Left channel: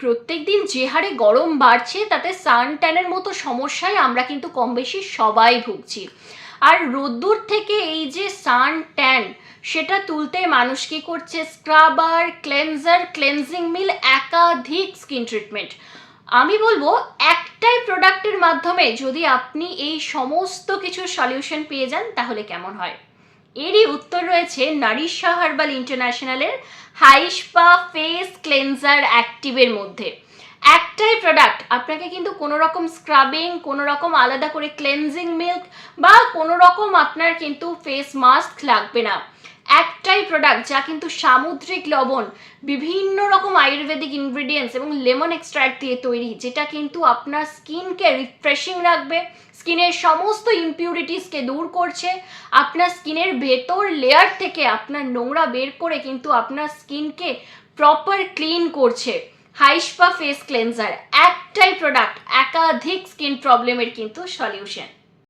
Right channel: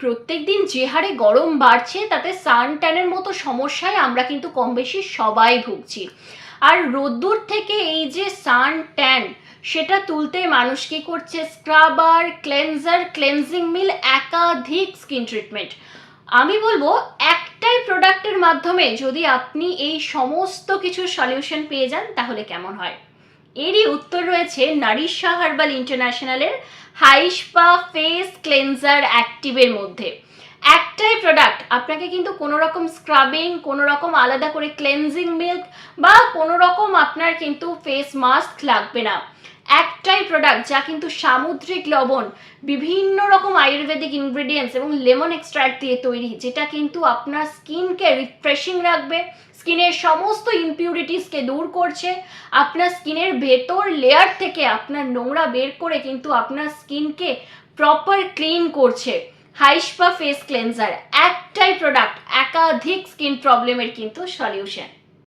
প্রত্যেক দিন যে হারে গরম বাড়ছে, তাতে সান ট্যানের মতো সমস্যায় আমরা কিন্তু কম বেশি সবাই ভুগছি। আর রোদ্দুর থেকে এই যে সান ট্যান সেটা তুলতে মানুষ কি করছে? স্ক্রাবার ক্লেনজার ক্লেনজিং মিল একাধিক স্কিন ট্রিটমেন্ট আমি বলব, একটাই প্রোডাক্টের মাধ্যমে যদি আপনি এই সমস্ত কিছু সলিউশন পেয়ে যান, তাহলে কেমন হয়? এরই উত্তর রয়েছে নারিশা হার্বাল ইন্টারন্যাশনালের হাইস্পা ফেস ক্লেনজার অ্যাক্টিভের মধ্যে। একটাই প্রোডাক্ট আপনাকে কিন্তু কোনো রকম স্ক্রাবিং কোনো রকম আলাদা করে ক্লেনজিং মিল্ক বা কোনো রকম আপনার কিন্তু ফেস মাস্ক লাগবে না। একটাই প্রোডাক্ট যা কিন্তু সামুদ্রিক লবণ, বিভিন্ন রকম আয়ুর্বেদিক ইনগ্রেডিয়েন্টস এবং লেমন এক্সট্রাক্ট দিয়ে তৈরি, যেটা কিন্তু আপনার স্কিনকে রিফ্রেশিং রাখবে স্কিনের সমস্ত ইম্পিউরিটিসকে দূর করছে। আপনার স্কিনের ভেতর লেয়ার থেকে আপনার নোংরা বের করে কিন্তু আপনার স্কিনকে প্রপার ক্লিন করছে। হাইস্পা ফেস ক্লেনজার একটাই প্রোডাক্ট একাধিক স্কিন প্রবলেমের কিন্তু সলিউশন